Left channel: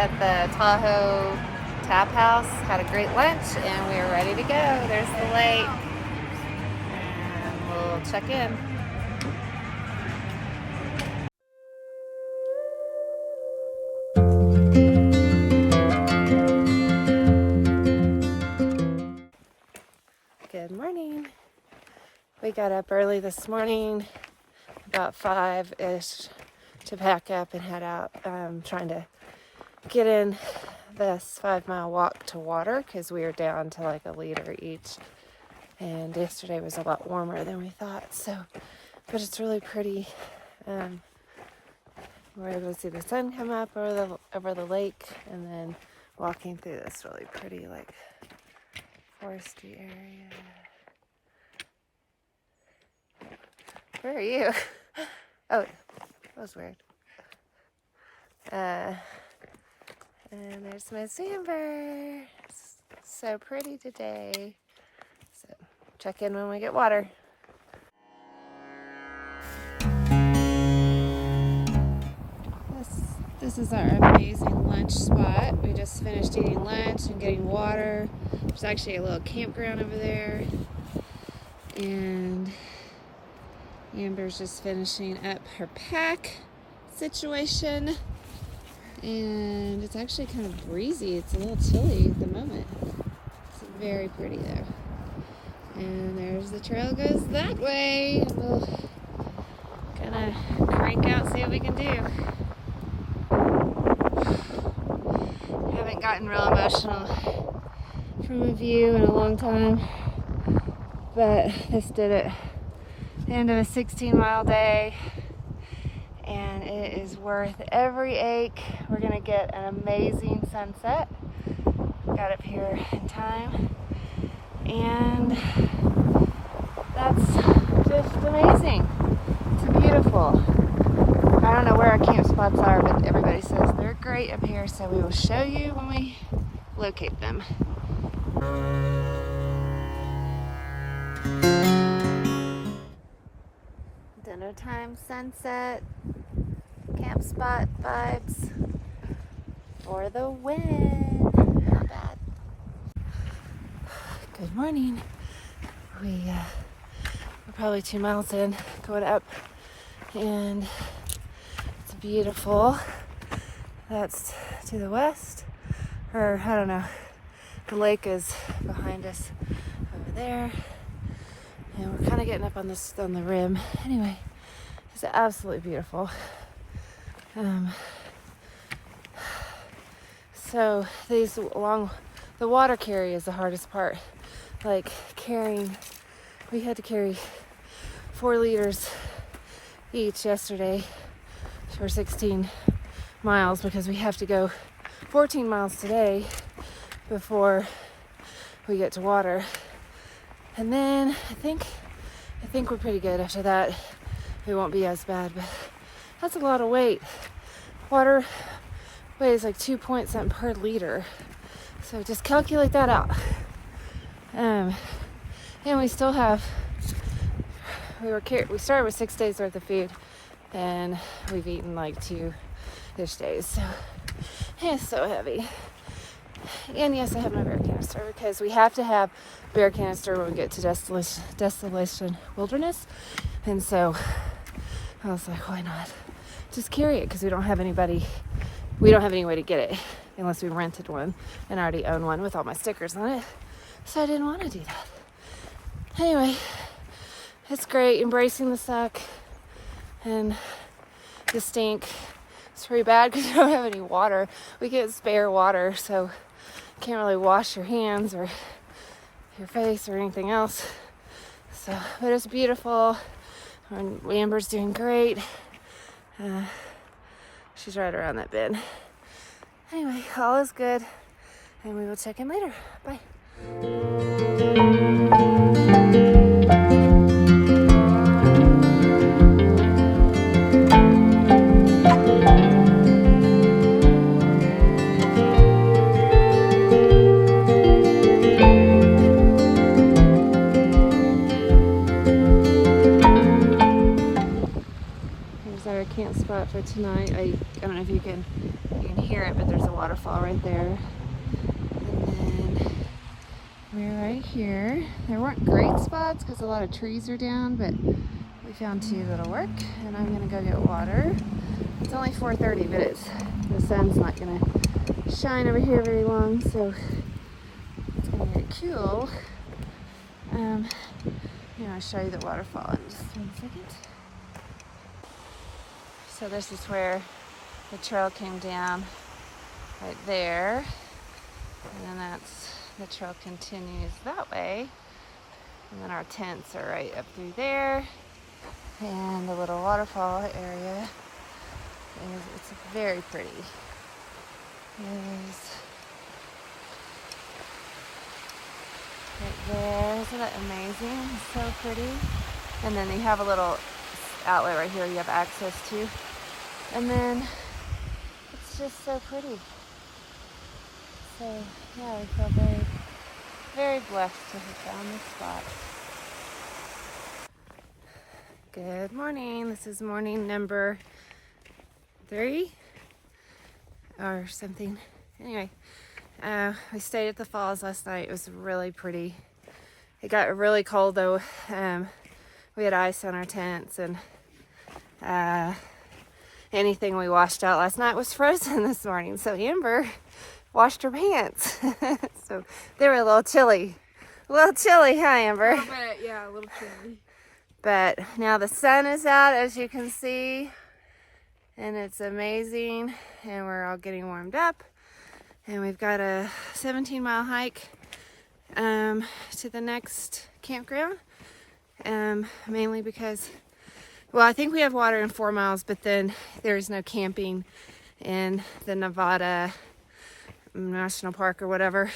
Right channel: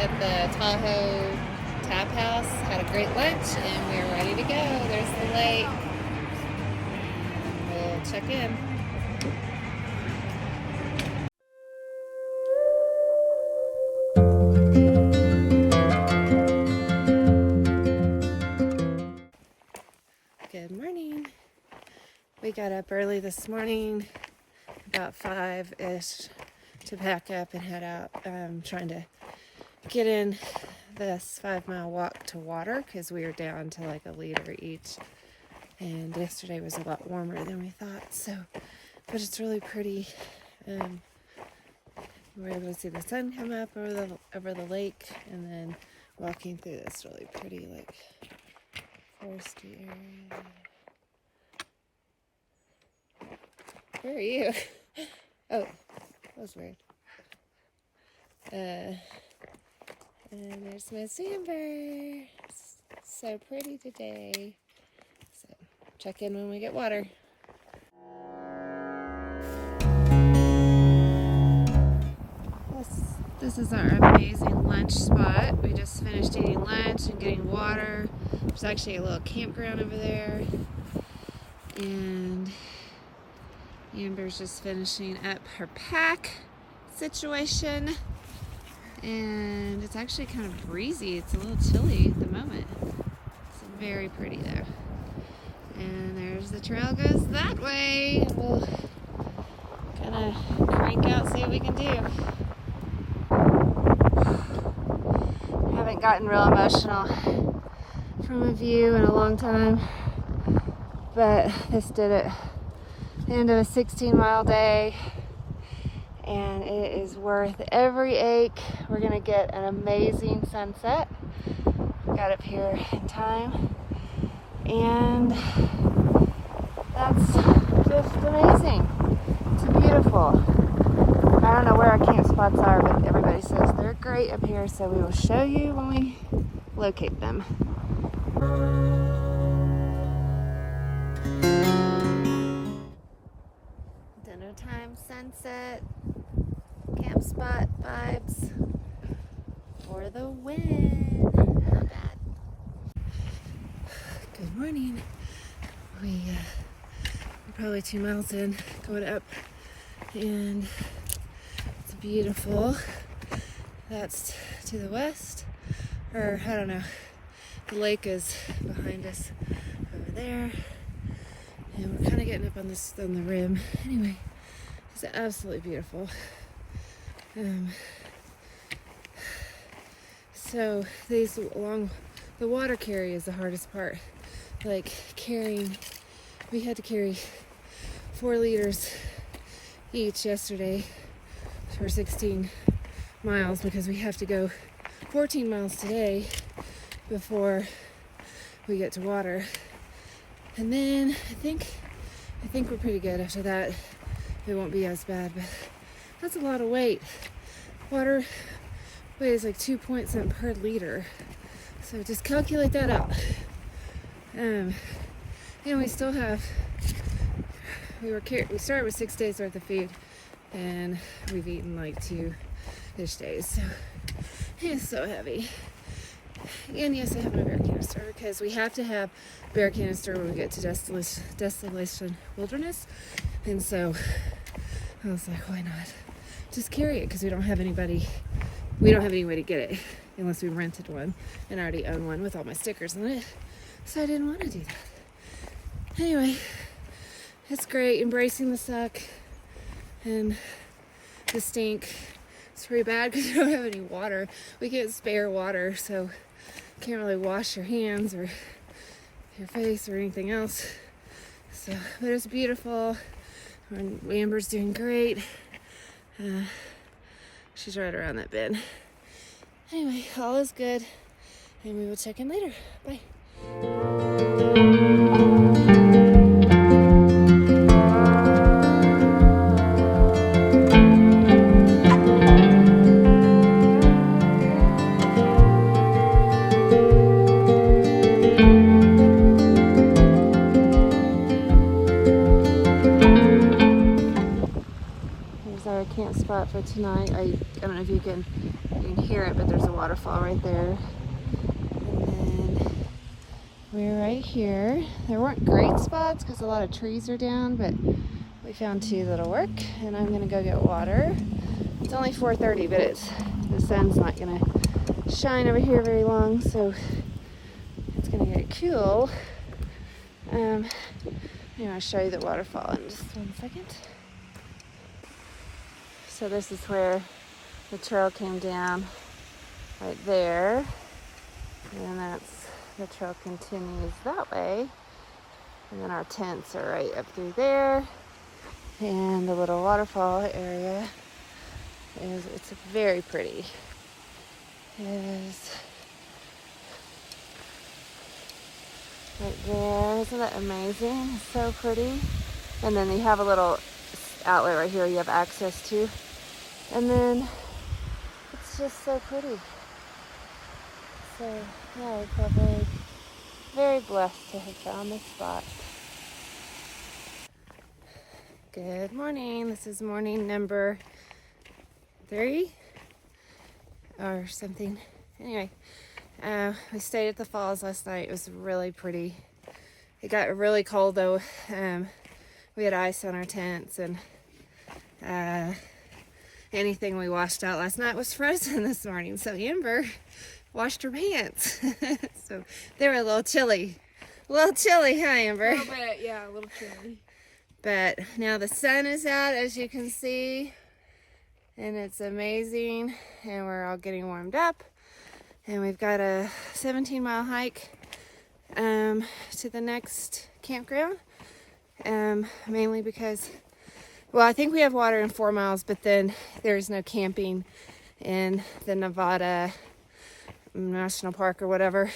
at the Tahoe Tap House, had a great lunch, and we are ready to go. There's the lake. And we'll check in. Good morning. We got up early this morning, about 5-ish, to pack up and head out. Trying to get in this 5-mile walk to water because we are down to like a liter each. And yesterday was a lot warmer than we thought. So, but it's really pretty. We're able to see the sun come up over the lake, and then walking through this really pretty like foresty area. Where are you? Oh, that was weird. And there's my sandbird. So pretty today. So check in when we get water. This is our amazing lunch spot. We just finished eating lunch and getting water. There's actually a little campground over there. And Amber's just finishing up her pack situation. And it's actually kind of breezy. It's a little chilly at the moment. It's very pretty though. And there's the trail goes that way. We'll kind of crank out, see what we can do. Haven't gotten real emotional from a view in a long time, but this did it. The end of a 16-mile day, and it is worth every ache. We're gonna get an amazing sunset. Got up here in time, and that's just amazing. It's beautiful. I don't know where our camp spots are, but everybody says they're great up here, so we will show you when we locate them. Dinner time, sunset, camp spot vibes for the win. Not bad. Good morning. We're probably 2 miles in, going up, and it's beautiful. That's to the west, or I don't know. The lake is behind us over there, and we're kind of getting up on the rim. Anyway, it's absolutely beautiful. So the water carry is the hardest part. Like carrying, we had to carry 4 liters each yesterday for 16 miles because we have to go 14 miles today before we get to water. And then I think we're pretty good after that. It won't be as bad, but that's a lot of weight. Water weighs like 2 point something per liter. So just calculate that out. And we still have, we started with 6 days worth of food, and we've eaten like 2-ish days. So it's so heavy. And yes, I have my bear canister because we have to have bear canister when we get to Desolation Wilderness. And so I was like, why not? Just carry it because we don't have any way to get it unless we rented one, and I already own one with all my stickers on it. So I didn't want to do that. Anyway, it's great. Embracing the suck and the stink. It's pretty bad because we don't have any water. We can't spare water, so you can't really wash your hands or your face or anything else. So, but it's beautiful. Amber's doing great. She's right around that bend. Anyway, all is good, and we will check in later. Bye. Here's our camp spot for tonight. I don't know if you can you can hear it, but there's a waterfall right there. And then we're right here. There weren't great spots because a lot of trees are down, but we found two that'll work. And I'm gonna go get water. It's only 4:30, but the sun's not gonna shine over here very long, so it's gonna be very cool. I'm gonna show you the waterfall in just 1 second. So this is where the trail came down, right there, and the trail continues that way, and then our tents are right up through there, and the little waterfall area, and it's very pretty. It is. Isn't that amazing? It's so pretty. And then they have a little outlet right here you have access to. And then it's just so pretty. So I feel very blessed to have found this spot. Good morning. This is morning number 3 or something. Anyway. We stayed at the falls last night. It was really pretty. It got really cold though. We had ice on our tents, and anything we washed out last night was frozen this morning. So Amber washed her pants. So they were a little chilly. A little chilly, huh, Amber? A little bit, yeah, a little chilly. But now the sun is out, as you can see, and it's amazing, and we're all getting warmed up. And we've got a 17-mile hike to the next campground, mainly because, well, I think we have water in 4 miles, but then there's no camping in the Nevada National Park or whatever,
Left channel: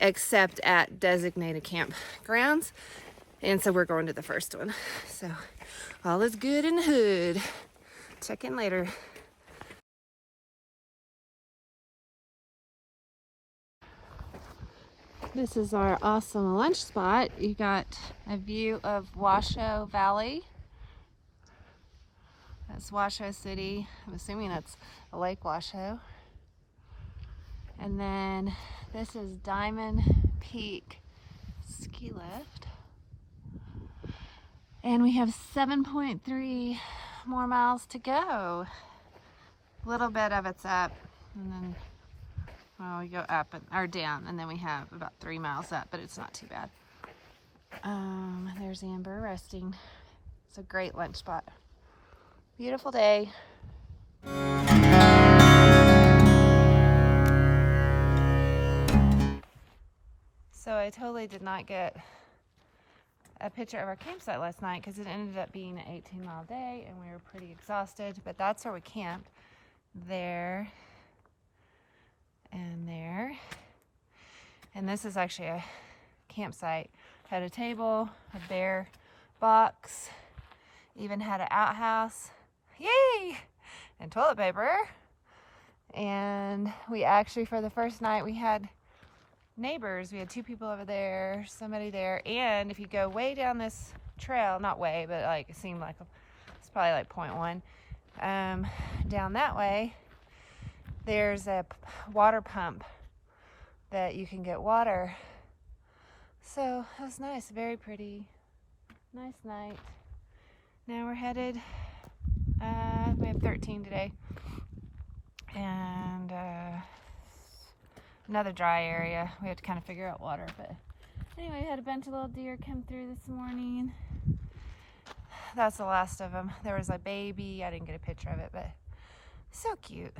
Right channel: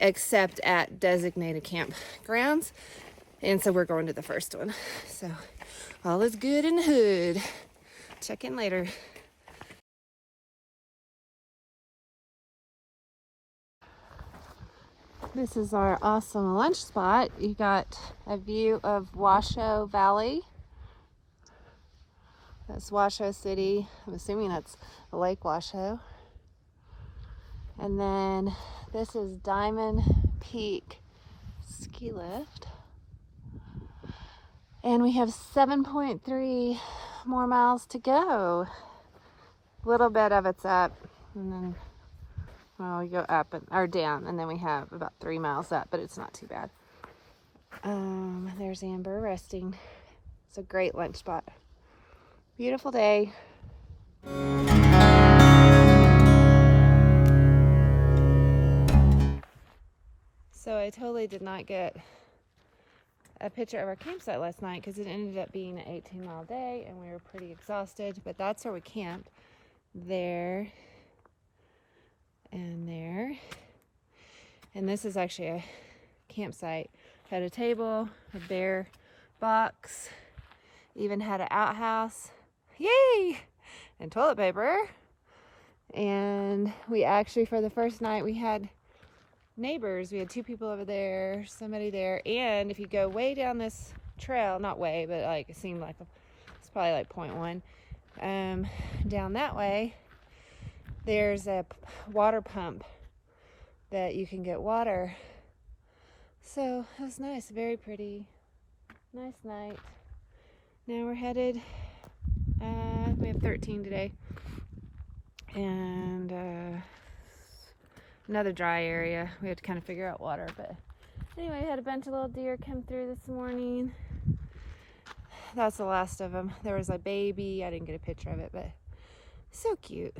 except at designated campgrounds. And so we're going to the first one. So all is good in the hood. Check in later. This is our awesome lunch spot. You got a view of Washoe Valley. That's Washoe City. I'm assuming that's Lake Washoe. And then this is Diamond Peak Ski Lift. And we have 7.3 more miles to go. A little bit of it's up, and then we go up or down, and then we have about 3 miles up, but it's not too bad. There's Amber resting. It's a great lunch spot. Beautiful day. So I totally did not get a picture of our campsite last night because it ended up being an 18-mile day and we were pretty exhausted, but that's where we camped. There and there. And this is actually a campsite. Had a table, a bear box, even had an outhouse. Yay! And toilet paper. And we actually, for the first night, we had neighbors. We had 2 people over there, somebody there. And if you go way down this trail, not way, but like it seemed like it's probably like 0.1, down that way, there's a water pump that you can get water. So it was nice, very pretty, nice night. Now we're headed, we have 13 today, and another dry area. We have to kind of figure out water, but anyway, I had a bunch of little deer come through this morning. That's the last of them. There was a baby. I didn't get a picture of it, but so cute.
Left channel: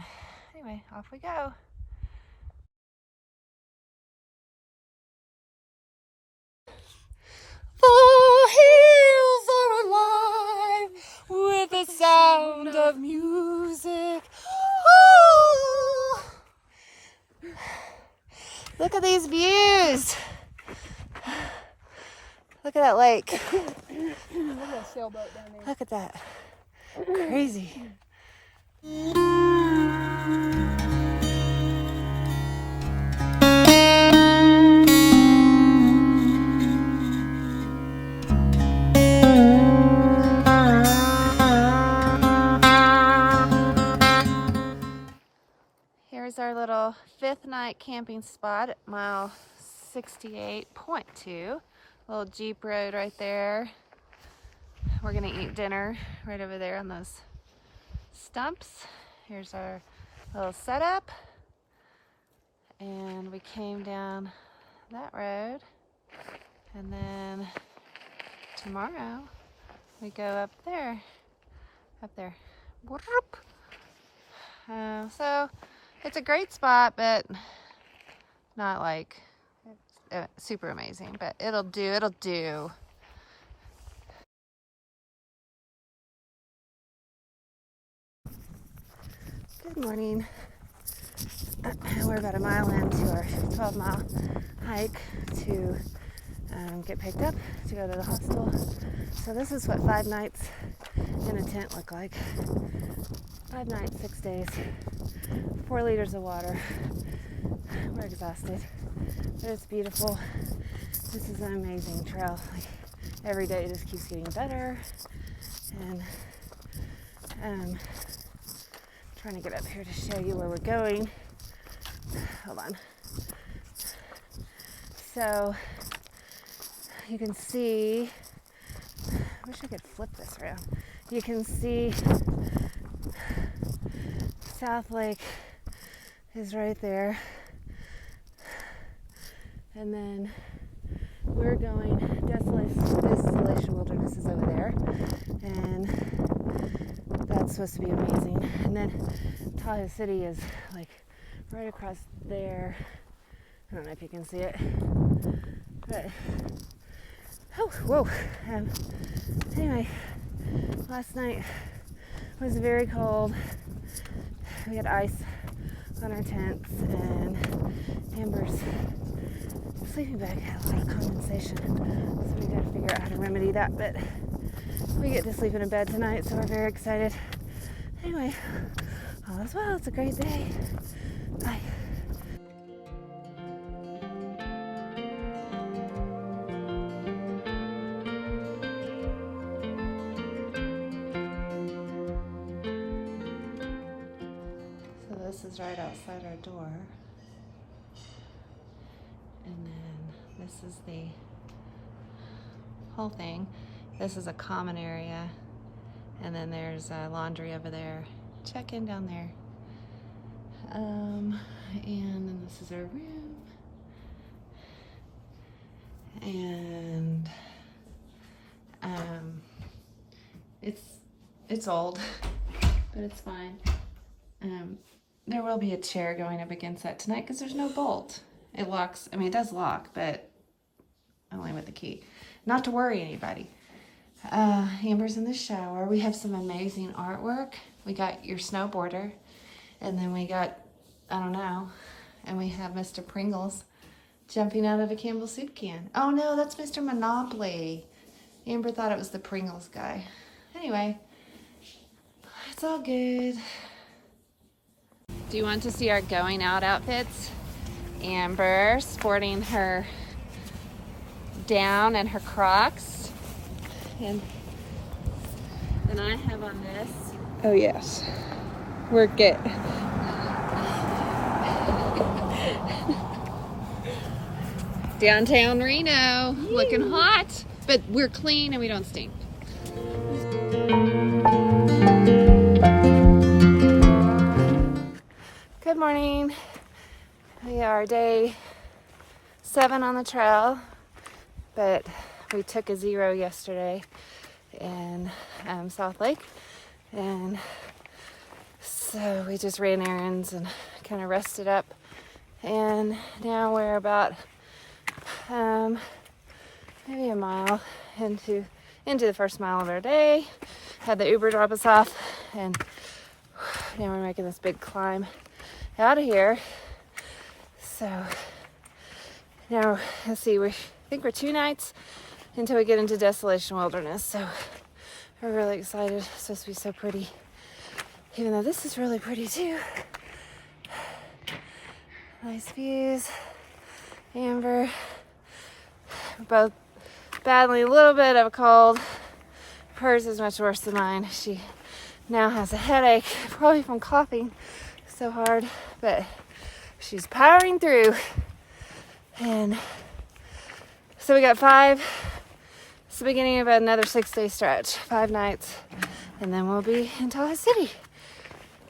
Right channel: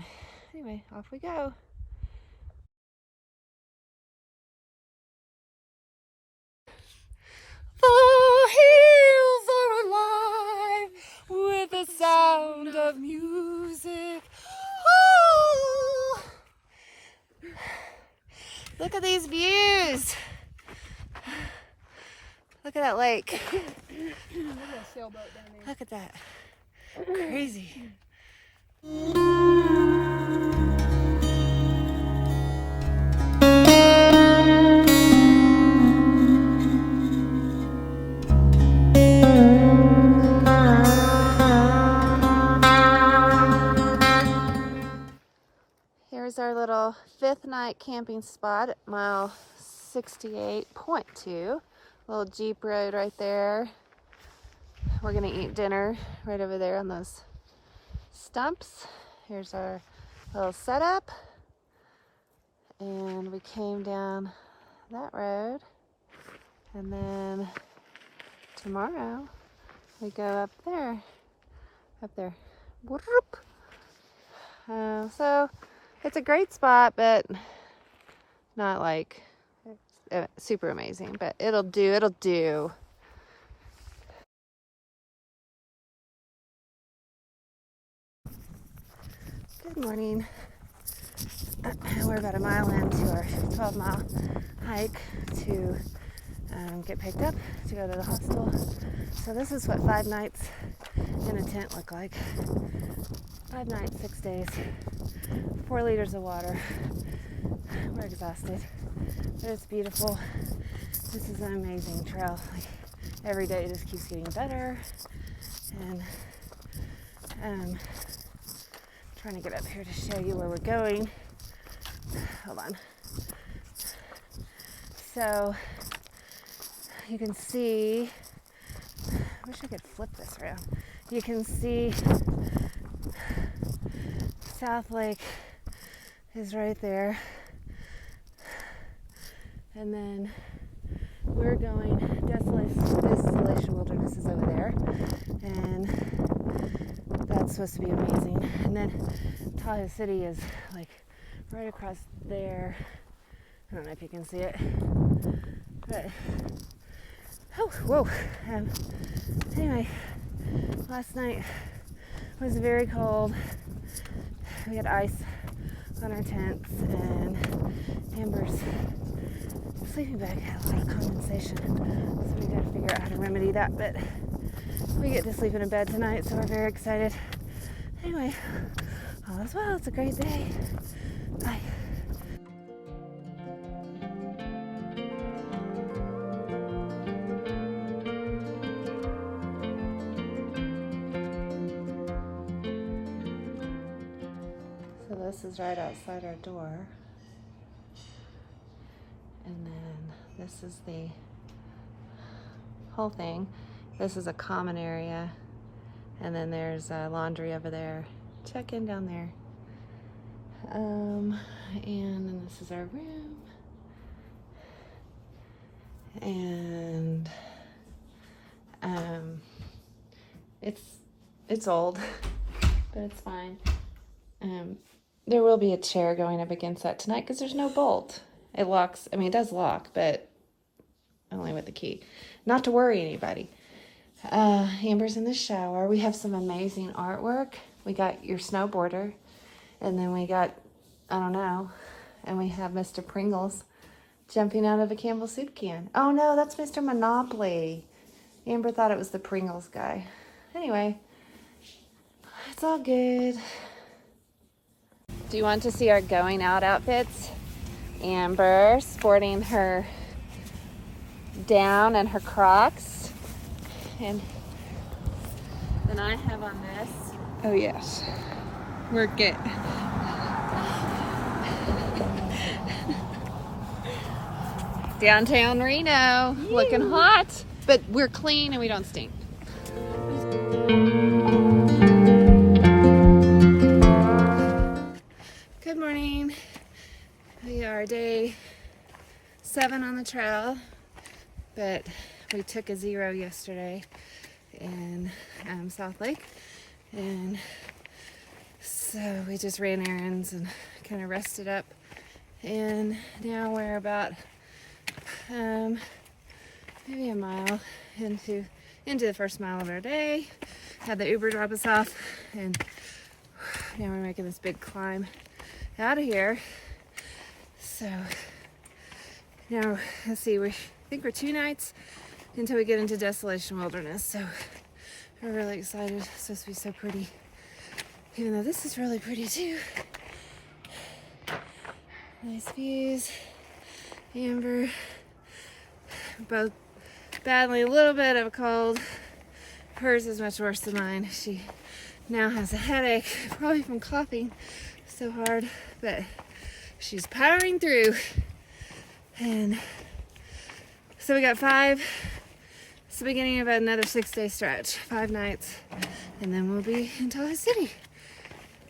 Anyway, off we go. The hills are alive with the sound of music. Oh! Look at these views. Look at that lake. Look at that sailboat down there. Look at that. Crazy. night camping spot at mile 68.2. Little Jeep road right there. We're gonna eat dinner right over there on those stumps. Here's our little setup. And we came down that road. And then tomorrow we go up there. Whoop. So it's a great spot, but not like super amazing, but it'll do. Good morning. We're about a mile into our 12-mile hike to get picked up to go to the hostel. So this is what 5 nights in a tent look like. 5 nights, 6 days, 4 liters of water. We're exhausted, but it's beautiful. This is an amazing trail. Like, every day it just keeps getting better. And trying to get up here to show you where we're going. Hold on. So you can see, I wish I could flip this around. You can see South Lake is right there. And then we're going, Desolation Wilderness is over there. And that's supposed to be amazing. And then Tahoe City is like right across there. I don't know if you can see it. But, oh, whoa. Anyway, last night was very cold. We had ice on our tents, and Amber's sleeping bag had a lot of condensation. So we got to figure out how to remedy that. But we get to sleep in a bed tonight, so we're very excited. Anyway, all is well. It's a great day. Bye. So this is right outside our door. And then this is the whole thing. This is a common area. And then there's a laundry over there. Check in down there. And then this is our room. And it's old, but it's fine. There will be a chair going up against that tonight because there's no bolt. It locks, I mean, it does lock, but only with the key. Not to worry anybody. Amber's in the shower. We have some amazing artwork. We got your snowboarder, and then we got, I don't know, and we have Mr. Pringles jumping out of a Campbell soup can. Oh no, that's Mr. Monopoly. Amber thought it was the Pringles guy. Anyway, it's all good. Do you want to see our going out outfits? Amber sporting her down and her Crocs. And then I have on this. Oh yes, we're good. Downtown Reno, looking hot, but we're clean and we don't stink. Good morning. We are day 7 on the trail, but we took a 0 yesterday in South Lake, and so we just ran errands and kind of rested up, and now we're about maybe a mile into the first mile of our day. Had the Uber drop us off, and now we're making this big climb out of here. So now let's see, I think we're 2 nights until we get into Desolation Wilderness, so we're really excited. It's supposed to be so pretty, even though this is really pretty too. Nice views. Amber, both battling a little bit of a cold. Hers is much worse than mine. She now has a headache, probably from coughing so hard, but she's powering through. And so we got 5. It's the beginning of another 6-day stretch, 5 nights, and then we'll be in Tahoe City.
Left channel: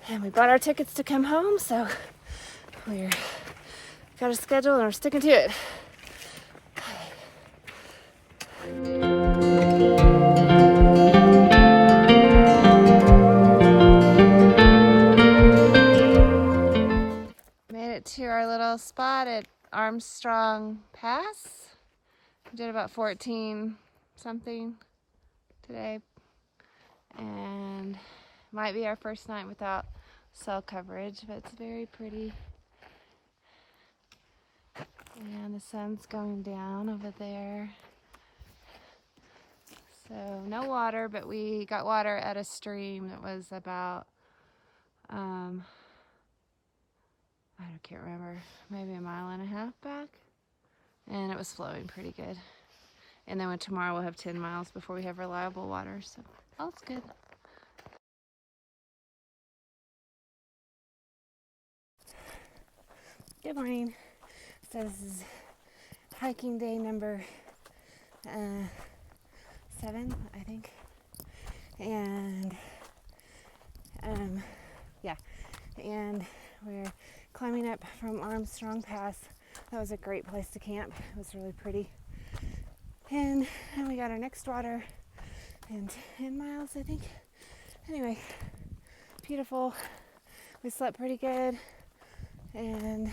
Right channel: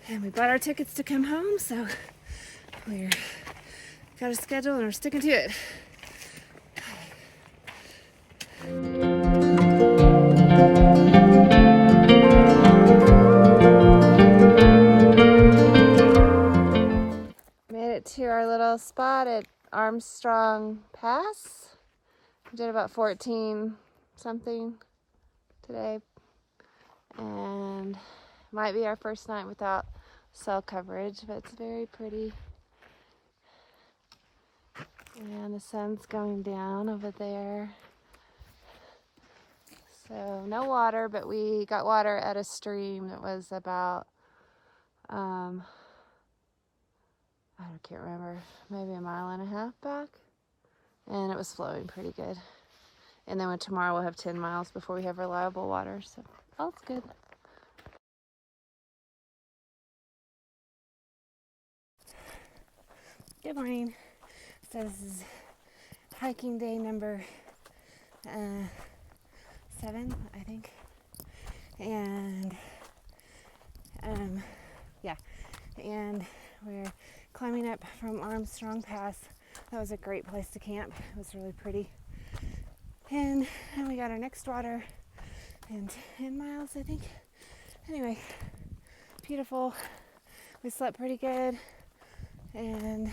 And we bought our tickets to come home, so we're got a schedule and we're sticking to it. Made it to our little spot at Armstrong Pass. We did about 14 something today, and might be our first night without cell coverage, but it's very pretty. And the sun's going down over there. So no water, but we got water at a stream that was about, I can't remember, maybe 1.5 miles back. And it was flowing pretty good. And then tomorrow we'll have 10 miles before we have reliable water, so all's good. Good morning. So this is hiking day number 7, I think. And yeah, and we're climbing up from Armstrong Pass. That was a great place to camp. It was really pretty. And we got our next water in 10 miles, I think. Anyway, beautiful. We slept pretty good, and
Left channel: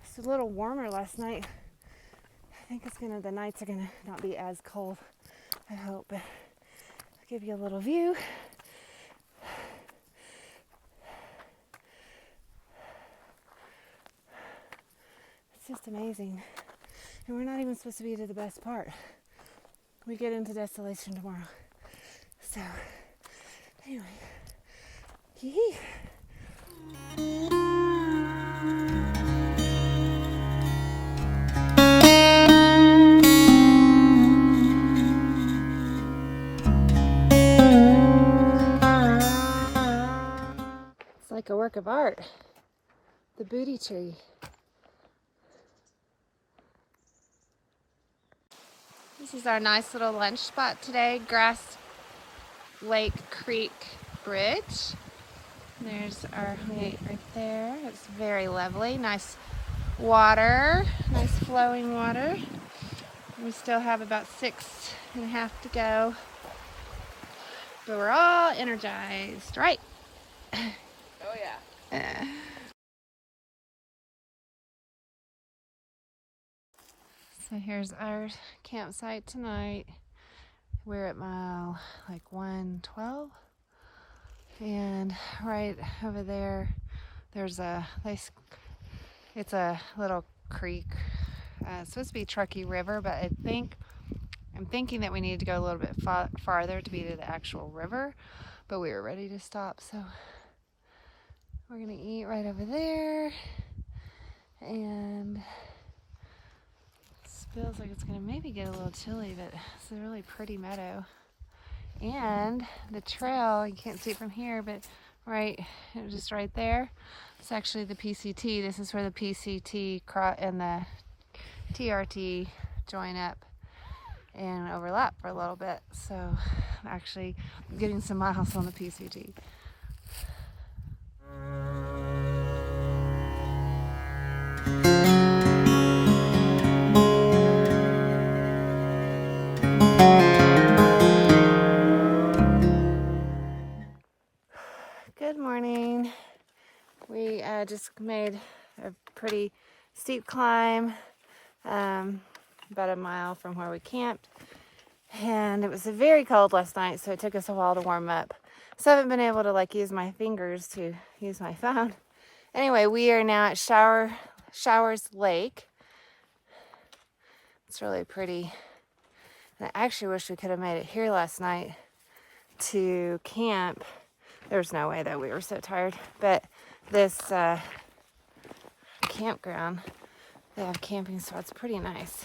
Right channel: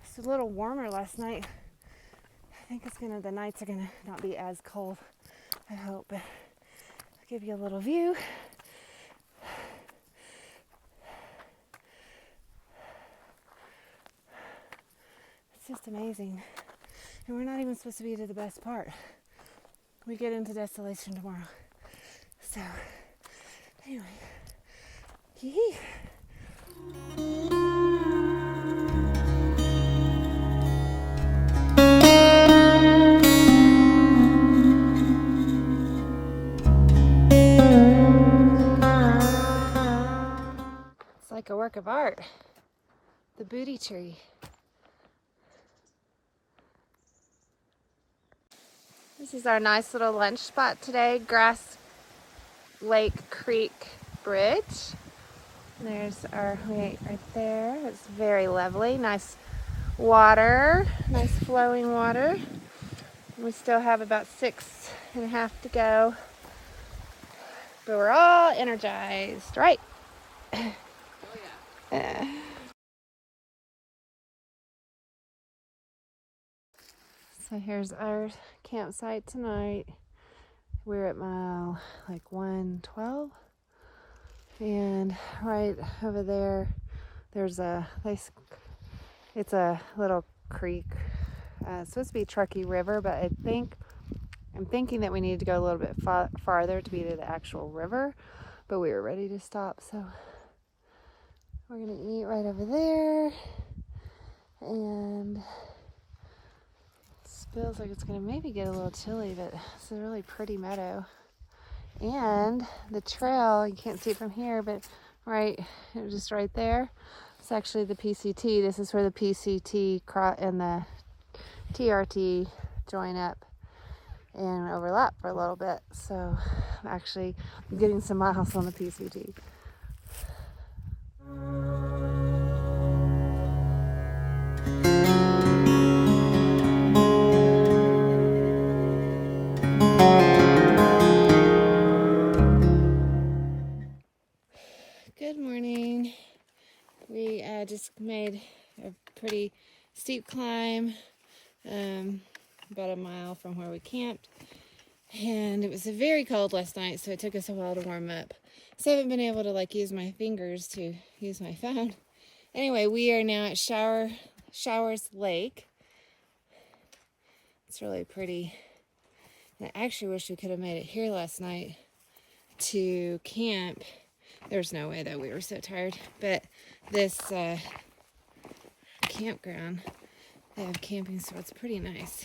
it's a little warmer last night. I think the nights are gonna not be as cold, I hope. But I'll give you a little view. It's just amazing. And we're not even supposed to be to the best part. We get into Desolation tomorrow. So, anyway. Hee-hee. It's like a work of art. The booty tree. This is our nice little lunch spot today, Grass Lake Creek Bridge. There's our height up there. It's very lovely. Nice water, nice flowing water. We still have about 6.5 to go, but we're all energized, right? Oh yeah. So here's our campsite tonight. We're at mile like 112, and right over there, there's it's a little creek. It's supposed to be Truckee River, but I'm thinking that we need to go a little bit farther to be to the actual river, but we were ready to stop, so we're gonna eat right over there. And feels like it's gonna maybe get a little chilly, but it's a really pretty meadow. And the trail, you can't see it from here, but just right there, it's actually the PCT. This is where the PCT and the TRT join up and overlap for a little bit. So actually I'm getting some miles on the PCT. Good morning. We just made a pretty steep climb, about 1 mile from where we camped, and it was very cold last night, so it took us a while to warm up. So I haven't been able to use my fingers to use my phone. Anyway, we are now at Showers Lake. It's really pretty. And I actually wish we could have made it here last night to camp. There's no way that we were so tired, but this campground, they have camping spots, pretty nice.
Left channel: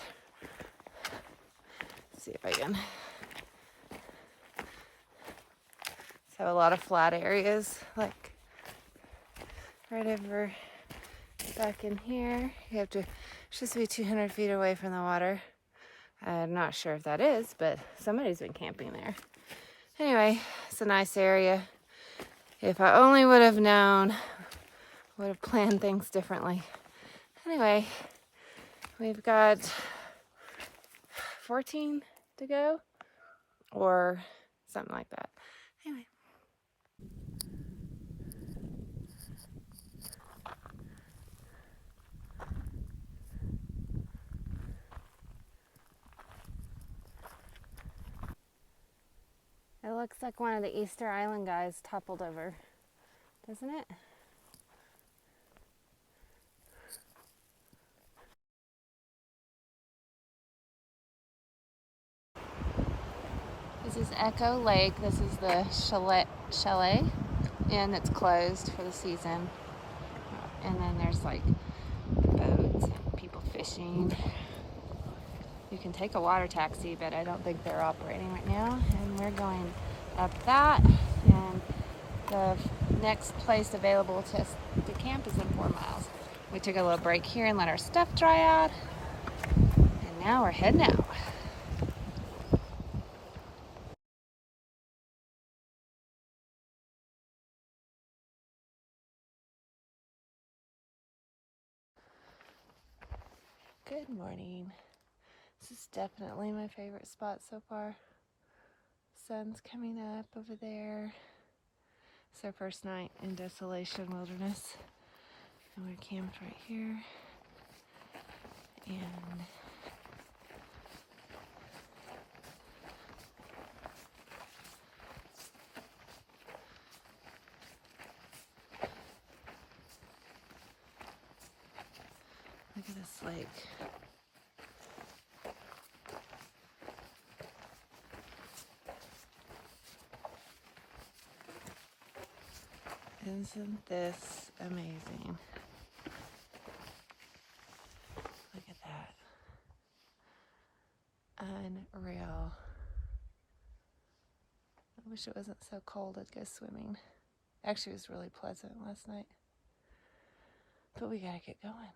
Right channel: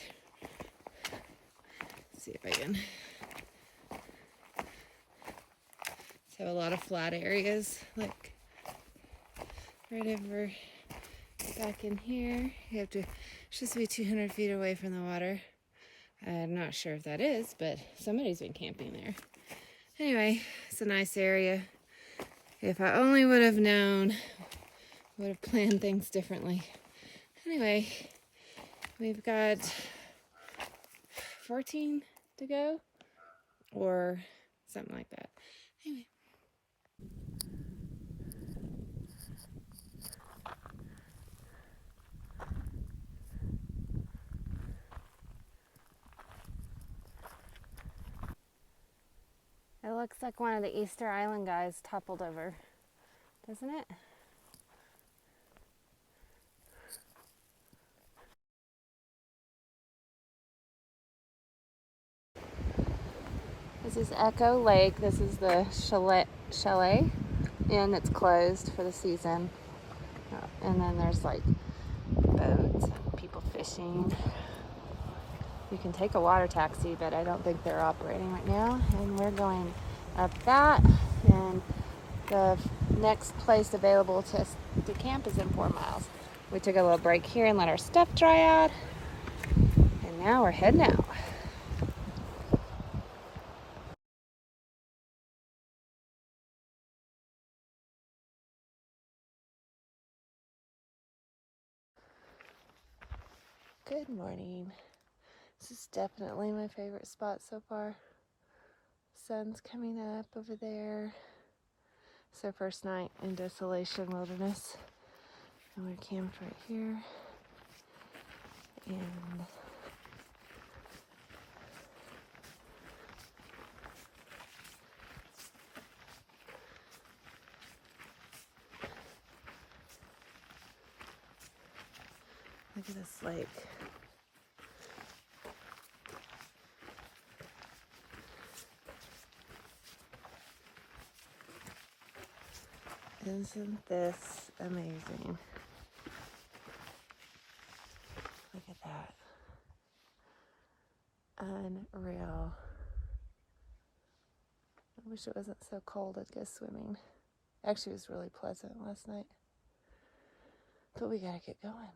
Let's see if I can. So a lot of flat areas, like right over back in here. You have to, supposed to be 200 feet away from the water. I'm not sure if that is, but somebody's been camping there. Anyway, it's a nice area. If I only would have known, would have planned things differently. Anyway, we've got 14 to go, or something like that. Anyway. It looks like one of the Easter Island guys toppled over, doesn't it? This is Echo Lake. This is the chalet, and it's closed for the season. And then there's like boats, people fishing. You can take a water taxi, but I don't think they're operating right now. And we're going up that, and the next place available to camp is in 4 miles. We took a little break here and let our stuff dry out, and now we're heading out. Good morning. This is definitely my favorite spot so far. Sun's coming up over there. It's our first night in Desolation Wilderness. And we're camped right here. And look at this lake. Isn't this amazing? Look at that. Unreal. I wish it wasn't so cold. I'd go swimming. Actually, it was really pleasant last night. But we gotta get going.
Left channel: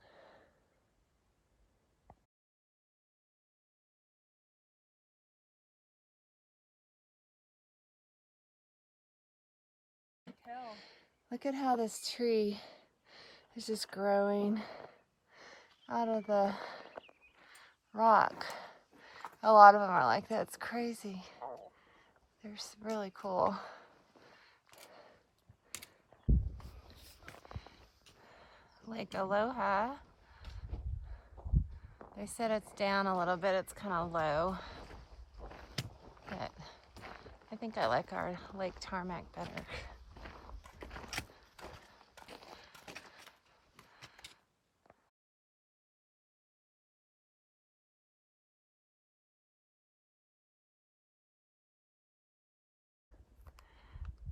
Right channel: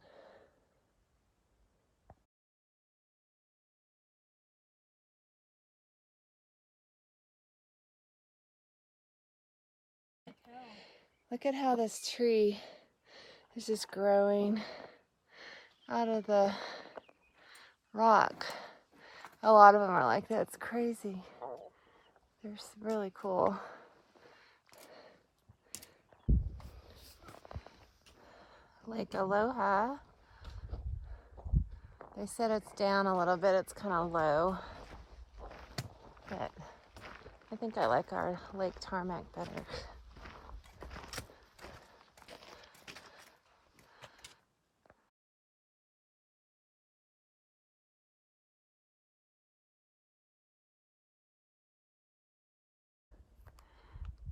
Look at how this tree is just growing out of the rock. A lot of them are like that. It's crazy. They're really cool. Lake Aloha. They said it's down a little bit. It's kind of low. But I think I like our Lake Taramack better.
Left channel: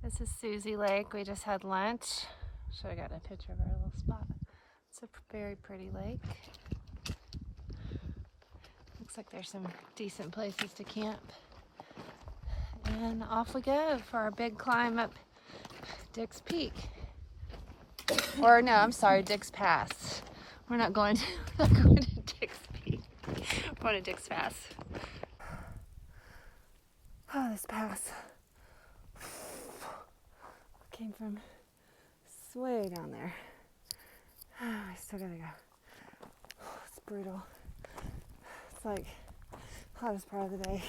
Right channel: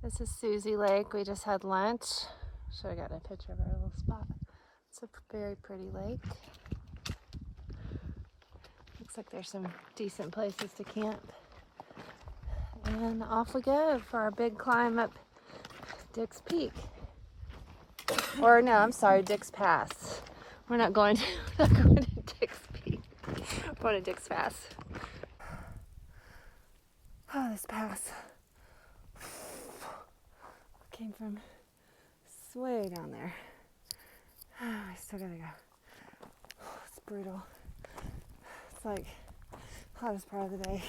This is Susie Lake. We just had lunch. Should have gotten a picture of our little spot. It's a very pretty lake. Looks like there's some decent places to camp. And off we go for our big climb up Dick's Peak. Or no, I'm sorry, Dick's Pass. We're not going to Dick's Peak. We're going to Dick's Pass. Oh, this pass came from way down there. I still gotta go. It's brutal. It's like hottest part of the day.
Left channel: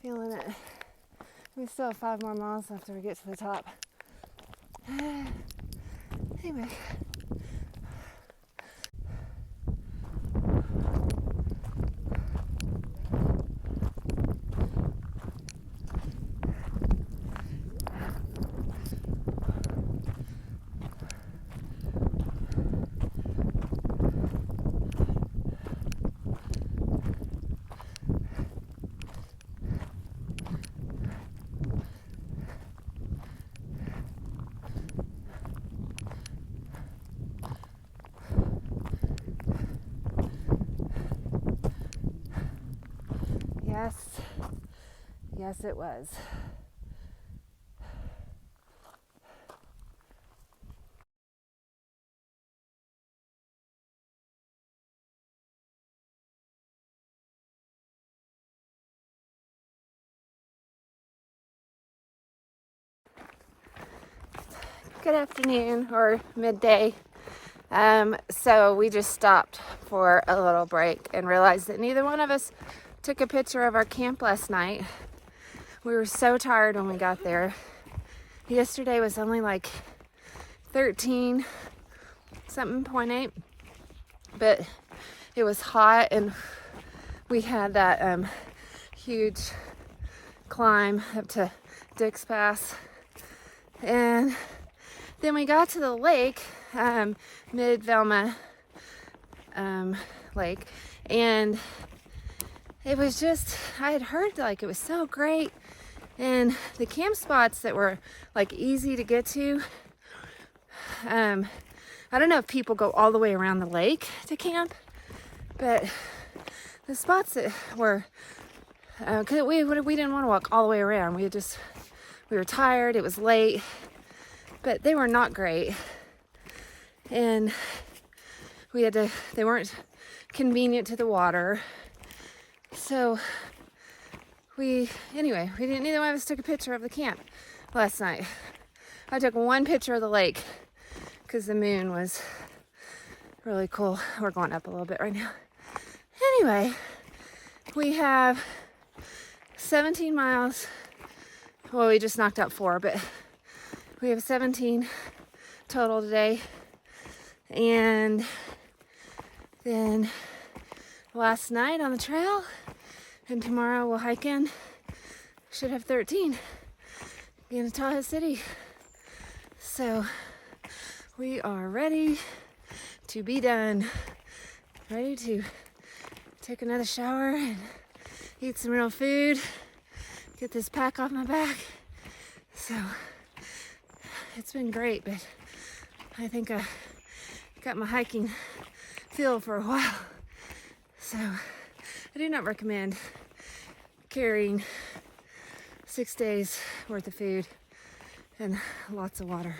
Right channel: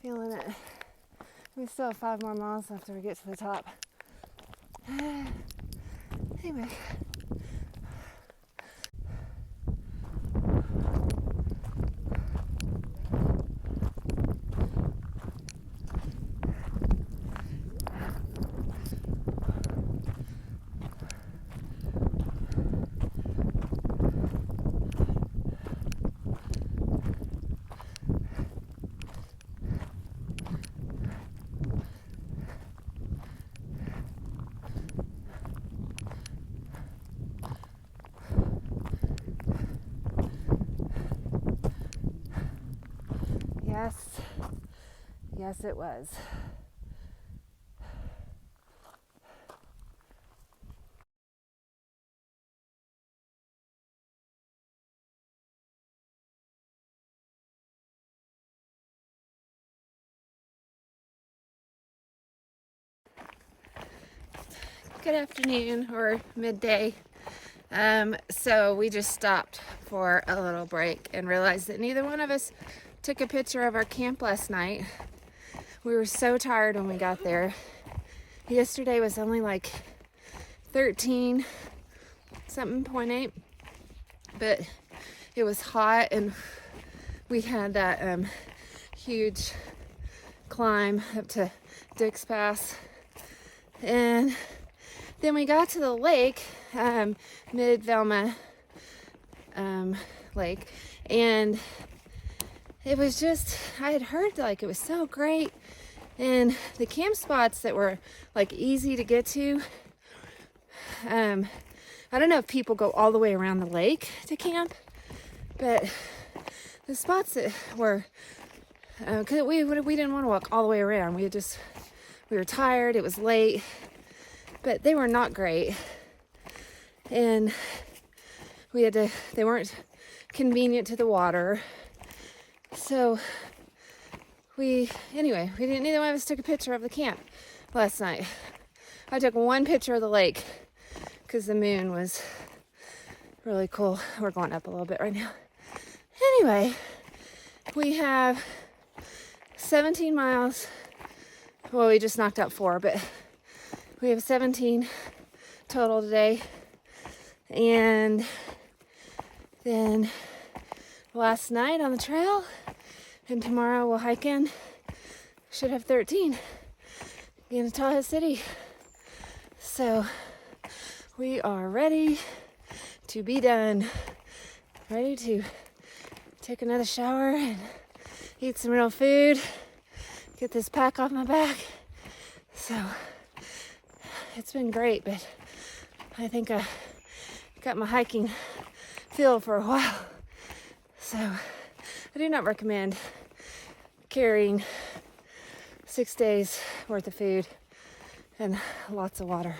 Feeling it. We still have 5 more miles after we get to the top. Anyway. Yes, it was. Good afternoon or midday. So we just stopped for a little break and realized that neither one of us took a picture of our camp last night. We were so tired when we got there. Yesterday was only like 13 something, 0.8, but it was hot and we had that huge climb up to Dick's Pass. And then we got to the lake, mid-Velma lake, and it was just, I had heard like it was so great, and the camp spots that were like easy to get to, I don't know if people go all the way around the lake to camp, but the spots that were, cause we didn't want to walk all the way around, we were tired, it was late, but they were not great, and they weren't convenient to the water, so neither one of us took a picture of the camp last night. I took one picture of the lake because the moon was really cool. We're going up a little bit right now. Anyway, we have 17 miles. Well, we just knocked out 4, but we have 17 total today. And then last night on the trail, and tomorrow we'll hike in. Should have 13 in Tahoe City. So we are ready to be done. Ready to take another shower and eat some real food. Get this pack off my back. So it's been great, but I think I got my hiking feel for a while. So I do not recommend carrying 6 days worth of food and lots of water.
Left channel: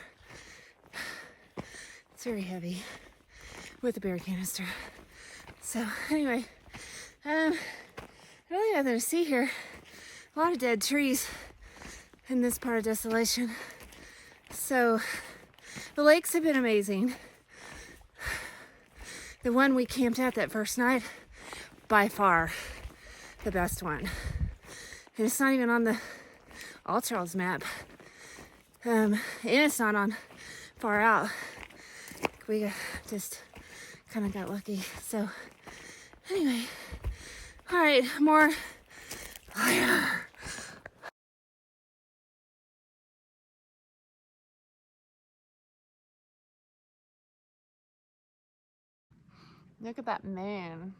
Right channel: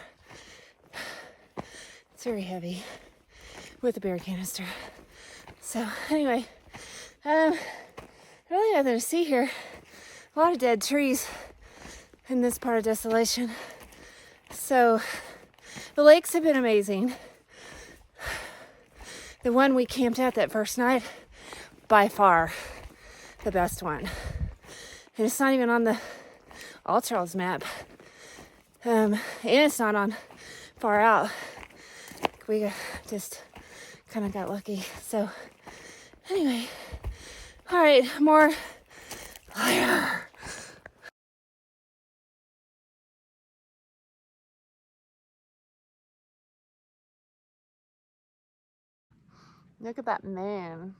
It's very heavy with a beer canister. So anyway, really nothing to see here. A lot of dead trees in this part of Desolation. So the lakes have been amazing. The one we camped at that first night, by far the best one. And it's not even on the All Trails map. And it's not on far out. We just kind of got lucky. So anyway, all right, more later. Look at that moon.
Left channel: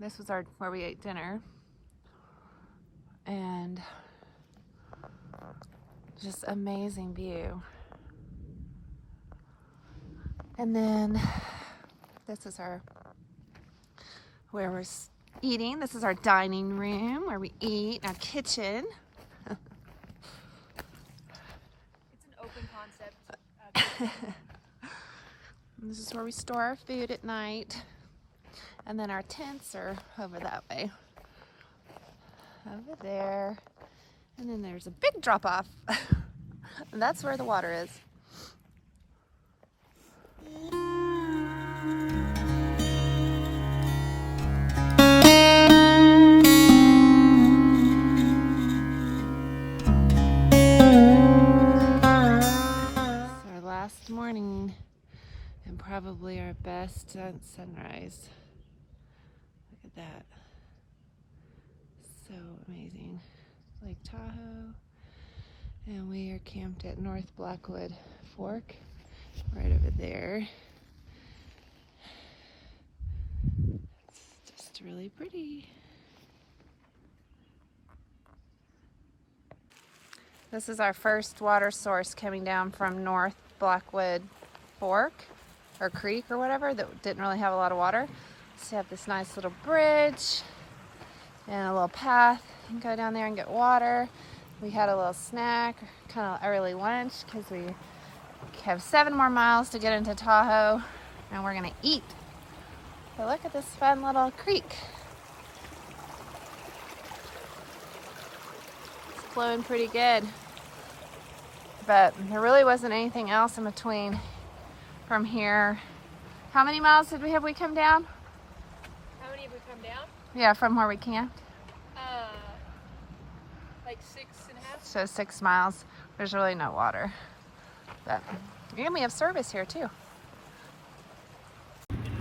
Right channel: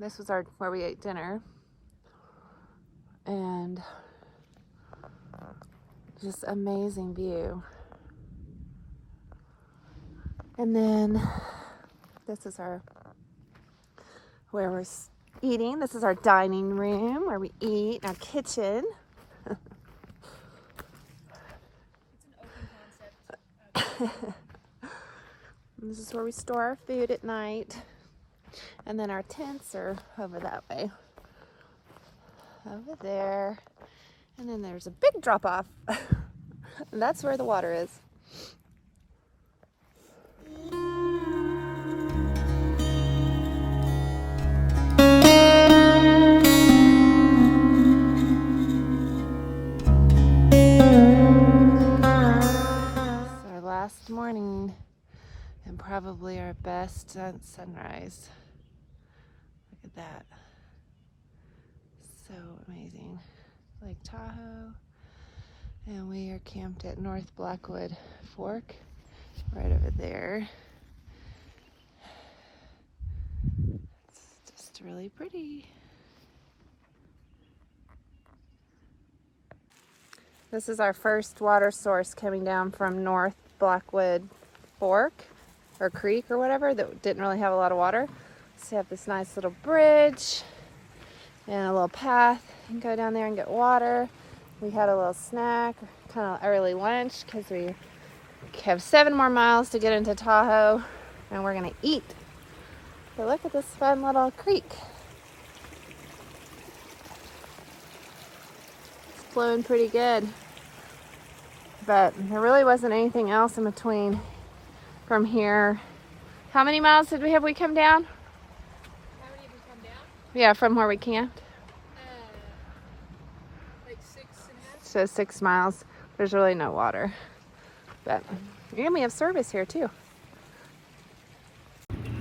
This was where we ate dinner. And just amazing view. And then this is where we're eating. This is our dining room where we eat, our kitchen. It's an open concept. This is where we store our food at night. And then our tents are over that way. Over there. And then there's a big drop off. And that's where the water is. It's our last morning and probably our best sunrise. Look at that. So amazing. Lake Tahoe. And we are camped at North Blackwood Fork, right over there. It's just really pretty. This is our first water source coming down from North Blackwood Fork, or creek or whatever, that didn't really have a lot of water. So have this nice little bridge and a little path and go down there and get water. We had a little snack, kind of early lunch, because we have 7 more miles to get into Tahoe, and we're gonna eat. So look at this fun little creek. It's flowing pretty good, but there really wasn't anything else in between from here. How many miles did we come down? How many have we come down? Yeah, from where we camped. Like 6.5. So 6 miles. There's really no water. But and we have service here too.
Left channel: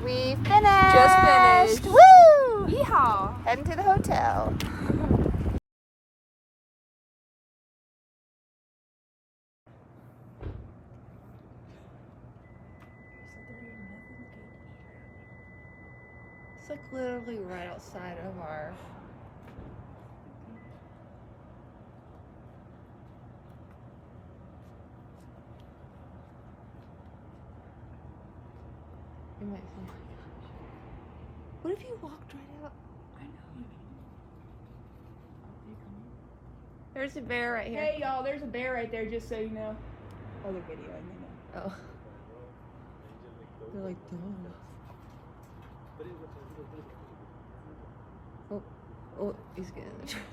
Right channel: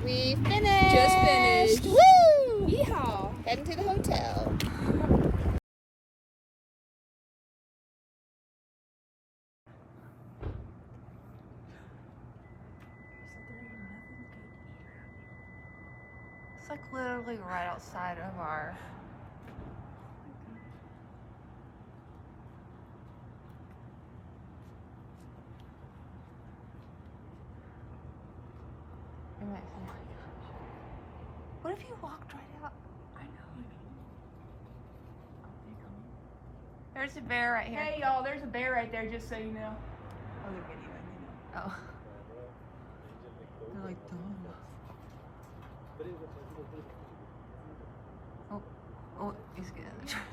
We finished! Just finished. Woo! Yeehaw! Heading to the hotel. It's like literally right outside of our What if you walked right out? I know. There's a bear right here. Hey y'all, there's a bear right there, just so you know. Other video, Oh. They're like, oh. Oh, he's getting in the trash.